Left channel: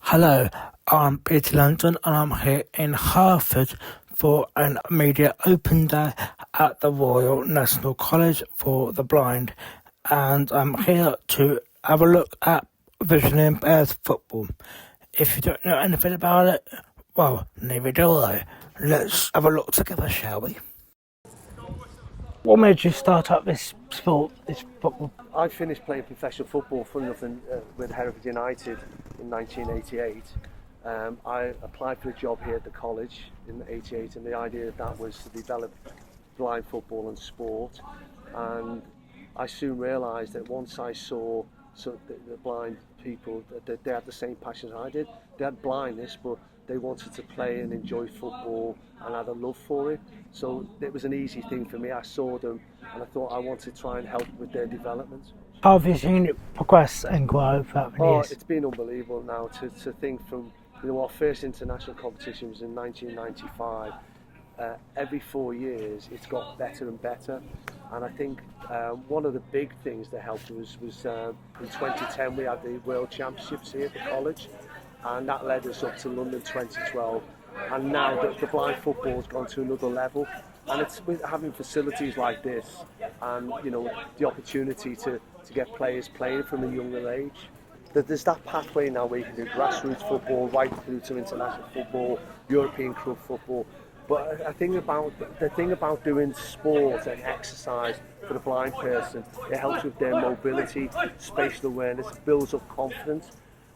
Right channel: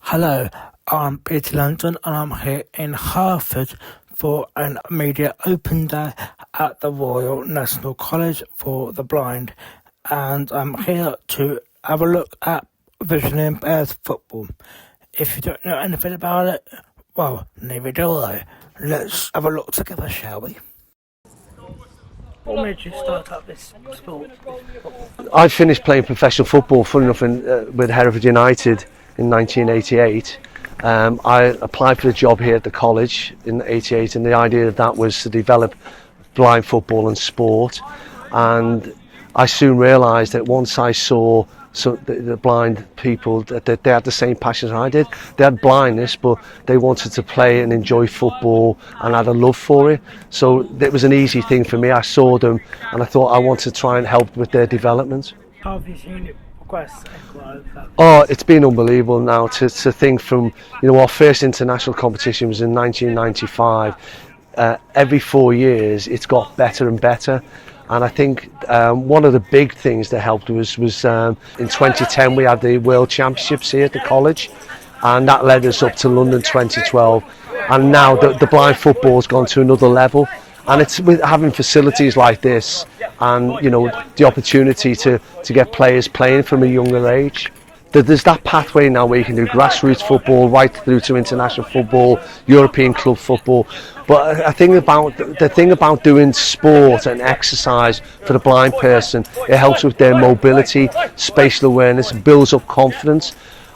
Hello, I'm Peter Langton and I'm here in Hereford for a media open day at the Royal National College for the Blind, and I'm here to have a look at visually impaired football. If you don't know anything about it, well, neither do I. Let's have a look together, shall we? What made you start up this sport, this football? I finished playing professional football, funny enough, with Hereford United in 1988. I applied for the job here at the college in '88, and the idea of that was to develop blind football and sport. And I soon realised that once I saw the blind people, that they had the same passion as I did. They had blindness, but they wanted to play and enjoy football and had a love for it. So it was an easy thing for me. I saw them and I thought I wanted to try and help with their development. How have you seen it progress and grow? Oh, it's been unbelievable now to think from, our first international competition was in 1995. Every 4 years it's got better and better. And I think one of the big things that helped was in 2010 we had the World Championships here at the college, and that led us up to London 2012. And now the blind football's gone to another level, and it's with having facilities like this and the opportunity to get players playing from a younger age. There's that pathway now where you can do grassroots football right through to international football, European club football. But I think the thing about doing sport and exercise for the blind person, it helps with their mobility, spatial awareness, builds up confidence.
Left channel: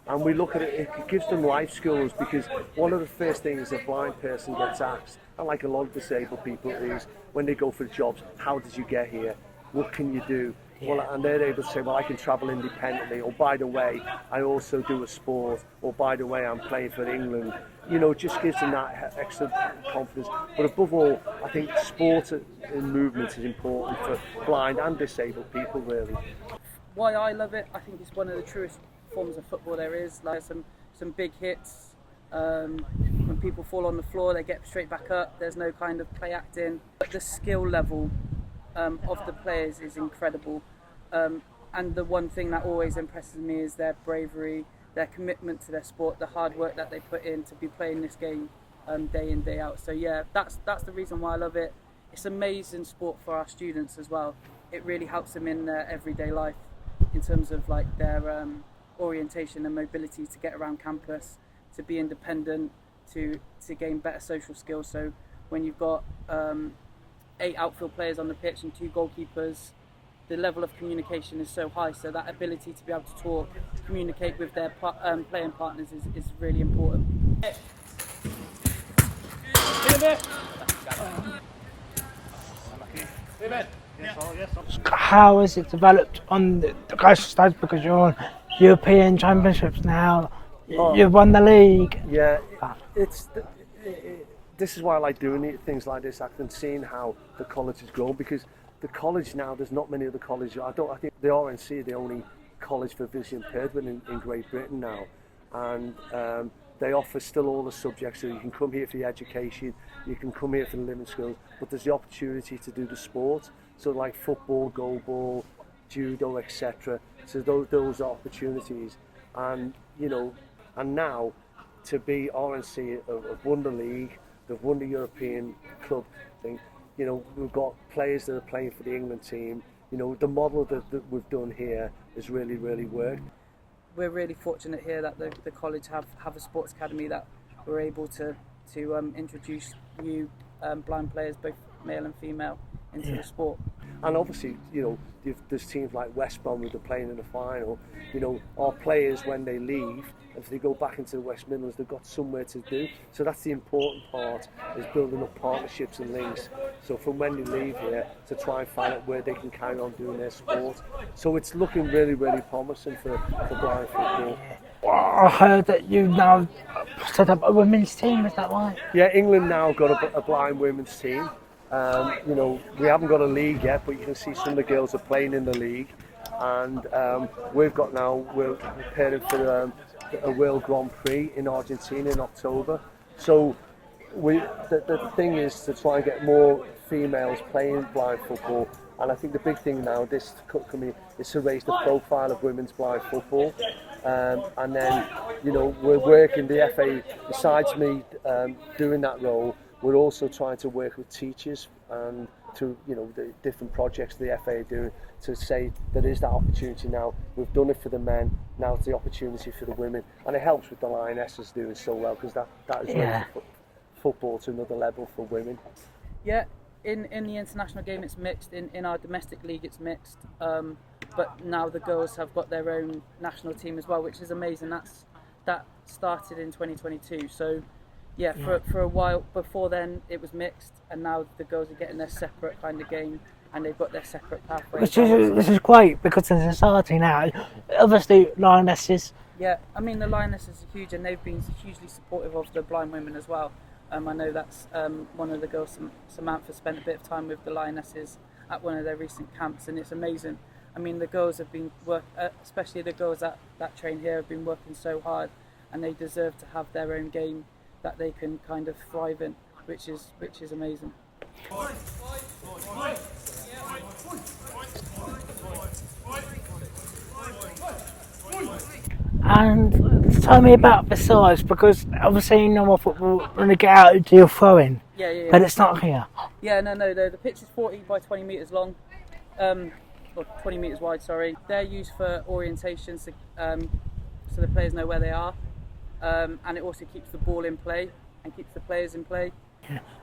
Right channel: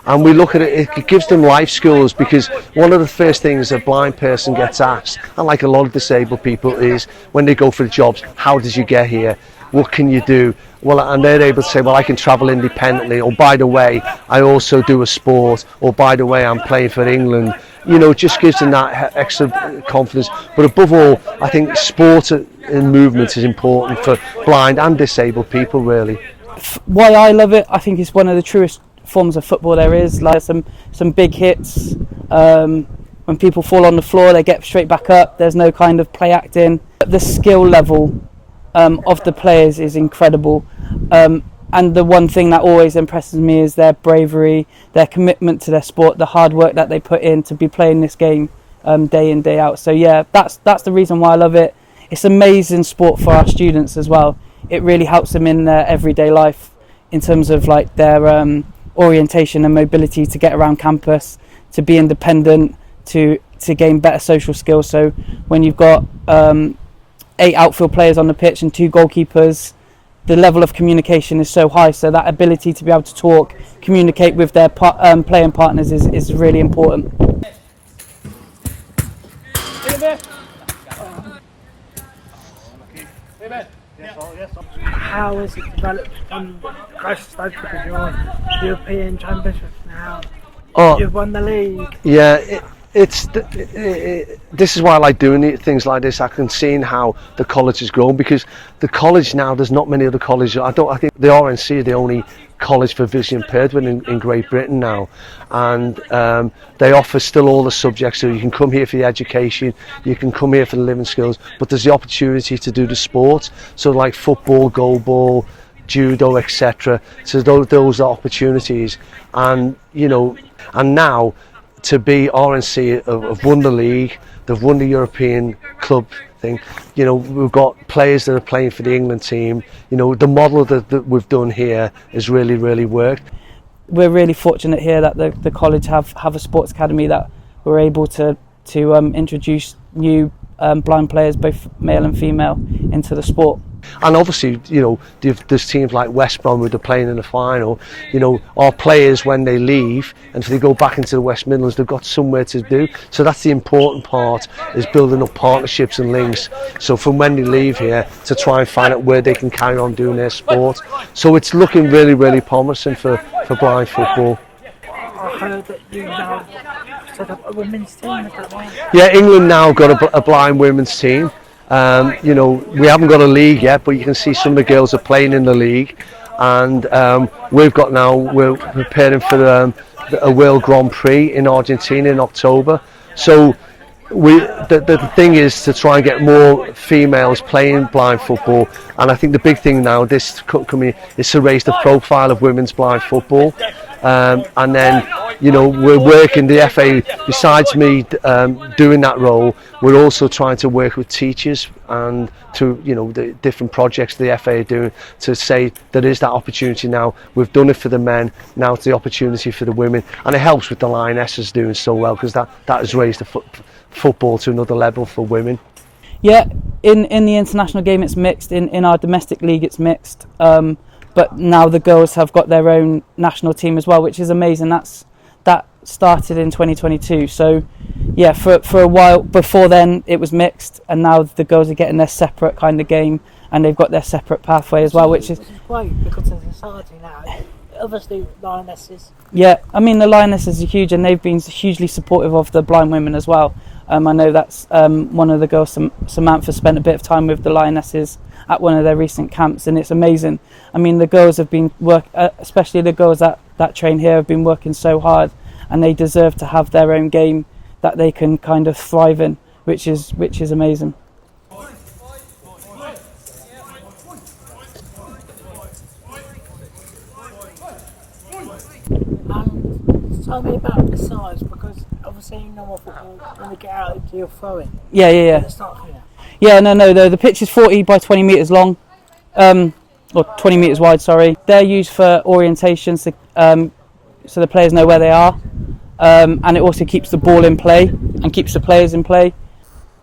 And we look at it, it gives them life skills, because one of the first things a blind person gets asked, and like a lot of disabled people, is when they go for the jobs, how did you get here? What can you do? Well, and they're able to say, well, I can travel independently, or by the way, I also do a sport, or by the way, I'm playing for England. It just gives them that extra confidence. But above all, I think sport and movement is important for blind and disabled people, really. Why I love it, I think it's one of the truest forms of football there is. Like some big hits. When people fall on the floor, they get straight back up. There's no kind of play acting. The skill level of the players is incredible. And the one thing that always impresses me is their bravery, their commitment to their sport, the hard work that they put in to be playing this game day in, day out. So yeah, that's the reason why I love it. It's amazing sport for our students as well. It really helps them in their everyday life in terms of like their orientation and mobility to get around campus, to be independent, to gain better social skills. So when you've got 8 outfield players on the pitch and 2 goalkeepers, the level of communication is so high, so that ability to be able to talk, communicate with their playing partners is really important. How has it developed on the grassroots stage, because you're on European Championships now, you've won the league? Yeah, this is why I like doing things like this. I can see how the college has grown, because the college now, there's not many other colleges. I think the RNC are the only college for visually impaired in Great Britain now, and they offer still all the subjects. So you can come here for the education, you can come here for the living skills, but there's the opportunity to do the sports. So like football, goalball, judo, etc. So those are opportunities, and and now, to be RNC have won the league, they've won the European club thing. We've got players that are playing for the England team. The model that we've done here has really, really worked. We're really fortunate here that the college have a sports academy that we're able to introduce new blind players, both male and female, into the sport. And obviously, there's teams like West Brom who are playing in the final. Our players, when they leave and if they go back into the West Midlands, they've got somewhere to do. So that's the important part, is building up partnerships and links. So from when they leave here, to try and find out where they can carry on doing their sport. So it's looking really, really promising for blind football. I heard that you now set up a women's team, is that right? Yeah, England now got a blind women's team. We haven't got a league yet, but you can see some of the girls are playing in the league, and we're preparing for a World Grand Prix in Argentina in October. So the thing is to try and get more females playing blind football, and I think the big thing now this coming is to raise the profile of women's blind football, and then we're working the FA. Besides me doing that role, we're also trying to work with teachers and to the different projects the FA are doing to say there is that opportunity now. We've done it for the men, now it's the opportunity for the women, and it helps with the Lionesses doing so well because that has raised the football to another level for women. Yeah, in the international game it's mixed, in our domestic league it's mixed, but now the girls have got their own national team as well, which is amazing. That started in 2022, so yeah, for a while before then it was mixed, and now the girls are getting their separate kind of game and they've got their separate pathway as well, which is great because in society now, obviously Lionesses. Yeah, I mean the Lionesses are huge, and they've been hugely supportive of the blind women as well. I know that's one of the girls, Samantha, spent a bit of time with the Lionesses at one of their recent camps, and it's amazing. I mean, the girls have been especially the girls that train here, have been working so hard, and they deserve to have their own game that they can kind of thrive in, which is amazing. And tell me about the size, because obviously in normal football, when you get out, you do throwing. Yeah. But it's not here. Yeah, no. The pitch is 40 by 20 metres long, or 20 metres wide, sorry. They're used for orientation, so the players know where they are, and it also keeps the ball in play and keeps the players in play.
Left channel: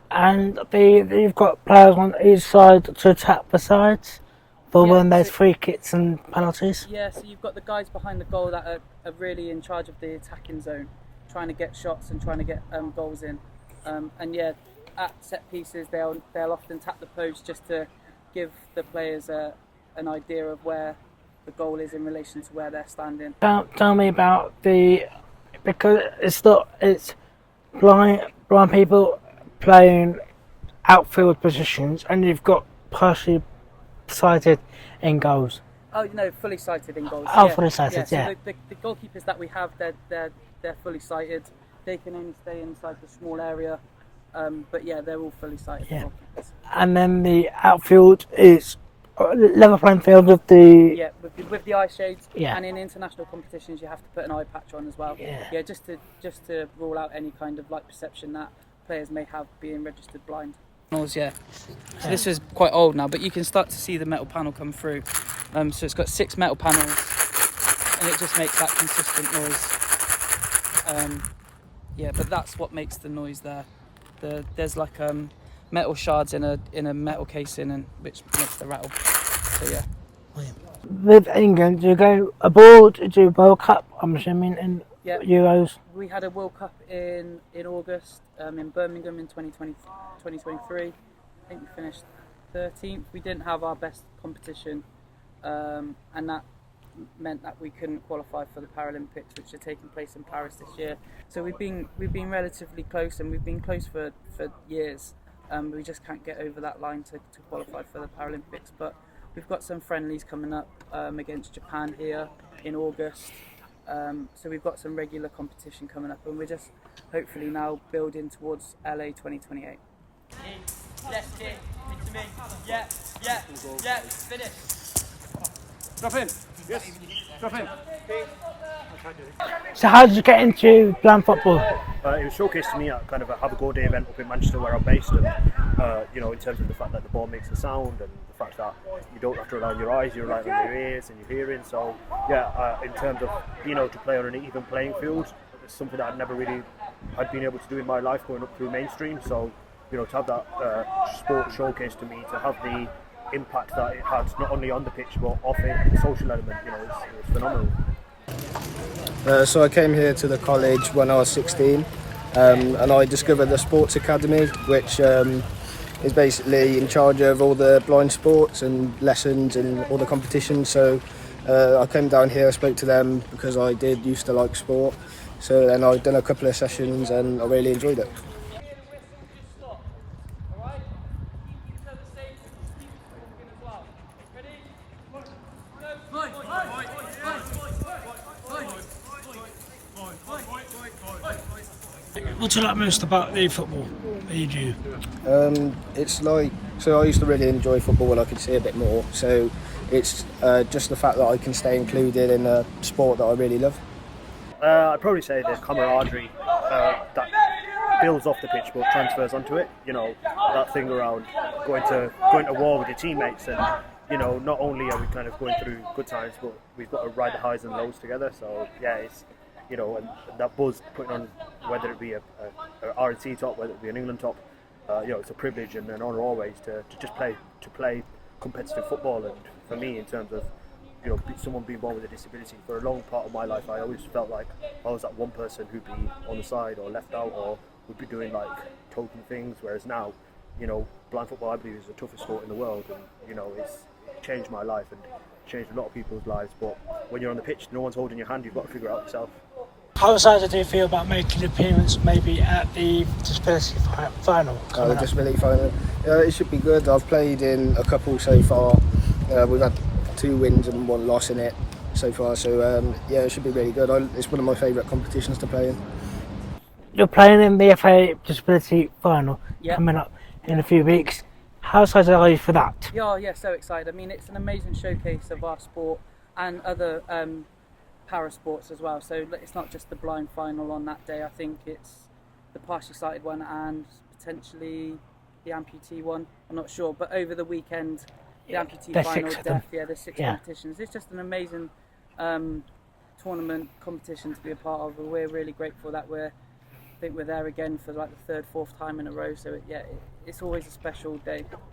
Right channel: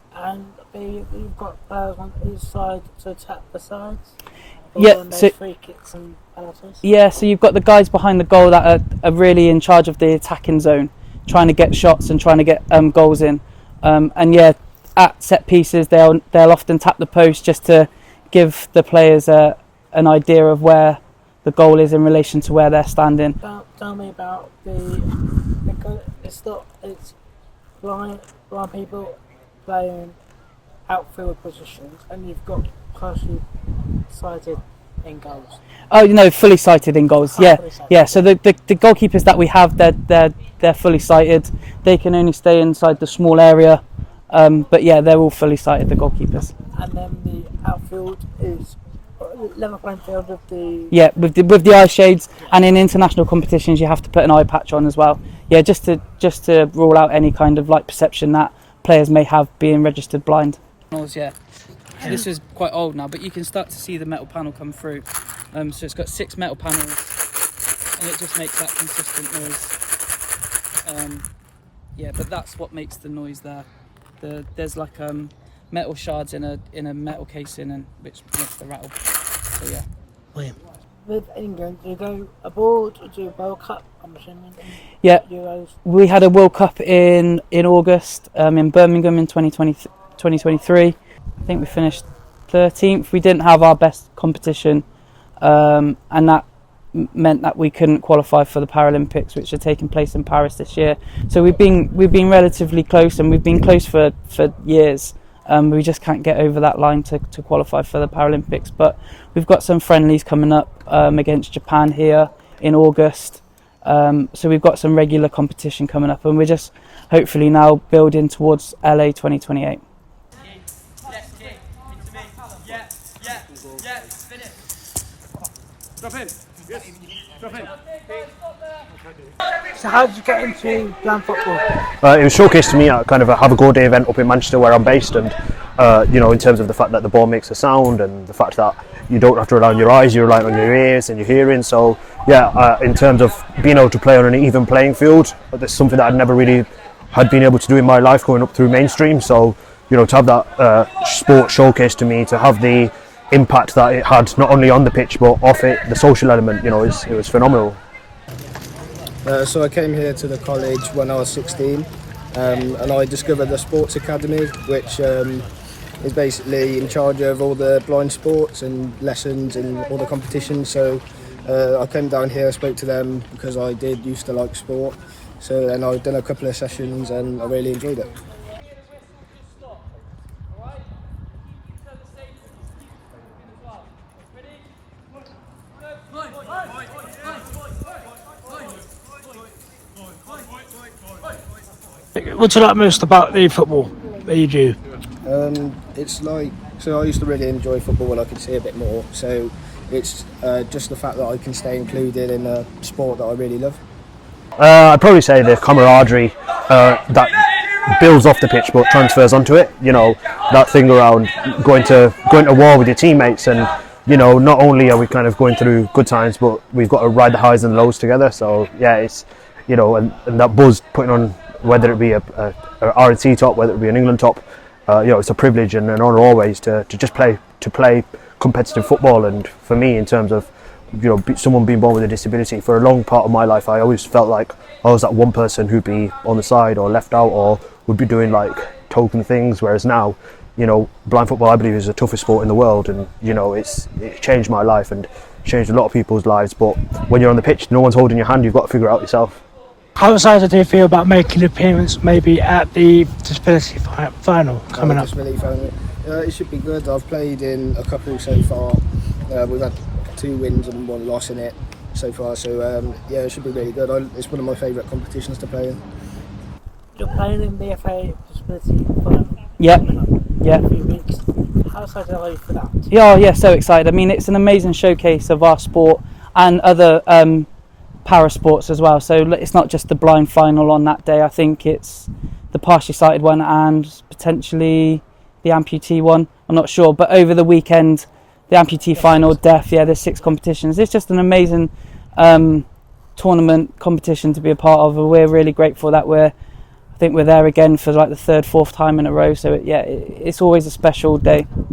And you've got players on each side to attack the sides? When there's free kicks and penalties? Yeah, so you've got the guys behind the goal that are really in charge of the attacking zone, trying to get shots and trying to get goals in. And yeah, at set pieces they'll often tap the post just to give the players an idea of where the goal is in relation to where they're standing. Tell me about because it's blind people playing outfield positions, and you've got partially sighted in goals. Oh, fully sighted in goals. Yeah, fully sighted, yeah. So the goalkeepers that we have, they're fully sighted. They can only stay inside the small area, but yeah, they're all fully sighted. The goalkeepers. And then the outfield is level playing field with the with the eye shades. Yeah. And in international competitions, you have to put an eye patch on as well. Yeah, just to rule out any kind of perception that players may have being registered blind. Yeah. So this is quite old now, but you can start to see the metal panel come through. So it's got 6 metal panels, and it just makes that consistent noise. But that's what makes the noise there. There's metal shards in a metal casing, and which makes the rattle. So yeah. William. With England, do you go abroad? Do you World Cup? I'm assuming in Euros. We had a World Cup in August in Birmingham in 2023. I think we finished 13th. We didn't have our best competition, and that meant that we couldn't qualify for the Paralympics, which are taking place in Paris this year. So we've been relatively close, and we've been close for years. We just can't get over that line to qualify for the Paralympics. But we've got some friendlies coming up against Japan here in August. So we've got some regular competition coming up, and we're just hopefully now building towards LA 2028. Drop in. Yes. Drop in. So how did you get into blind football? It was showcased to me at kind of a Have a Go Day event up in Manchester where I'm based, and in terms of the fact that the ball makes a sound and the fact that you don't have to rely on your eyes, you rely on your ears and your hearing. So yeah, in terms of being able to play on an even playing field, that's something that I'd never really had been able to do in my life growing up through mainstream. So to have that sport showcased to me, to have the impact that it had not only on the pitch but off it, the social element, it was phenomenal. So I came here to the college when I was 16, and I discovered the Sports Academy, which is basically in charge of all the blind sports and lessons and all the competitions. So I came down here, I spoke to them because I used to like sport. And I've done a couple of sessions and I really enjoyed it. What do you like most about the football? that you do? It's like, so I used to really enjoy football and I could see a bit more, so it's just the fact that I can stay included in a sport that I really love. I'd probably say the camaraderie that builds off the pitch but transfers onto it. You know, that thing around going to war with your teammates, and you know, not only are we kind of going through good times, but we've got to ride the highs and lows together. So yeah, it's, you know, and that buzz putting on, whether it be a R&C top, whether it be an England top, you know, it's a privilege and an honour always to just play competitive football. And for me, in terms of, you know, someone being born with a disability, for a long part of my life I always felt like I was that one person who'd be on the side or left out or would be doing like token things, whereas now, you know, blind football I believe is the toughest sport in the world, and you know, it changed my life and changed a lot of people's lives. But when you're on the pitch, no one's holding your hand, you've got to figure it out yourself. How excited do you feel about making an appearance maybe at the disability final coming up? Disability final. It should be good. I've played in a couple so far. We've had 2 wins and 1 loss in it so far, so yeah, it should be really good. It's one of my favourite competitions to play in. You're playing in the FA disability final coming up in a few weeks. How excited are you for that? Yeah, so excited. I mean, it's an amazing showcase of our sport and other para sports as well. So it's not just the blind final on that day. I think it's the partially sighted one and potentially the amputee one. I'm not sure, but over the weekend, the amputee final, deaf. Yeah, there's 6 competitions. It's just an amazing tournament competition to be a part of. We're really grateful that I think we're there again for like the 3rd, 4th time in a row. So it's always a special day. Come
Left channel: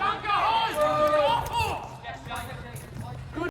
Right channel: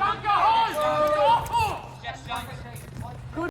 on!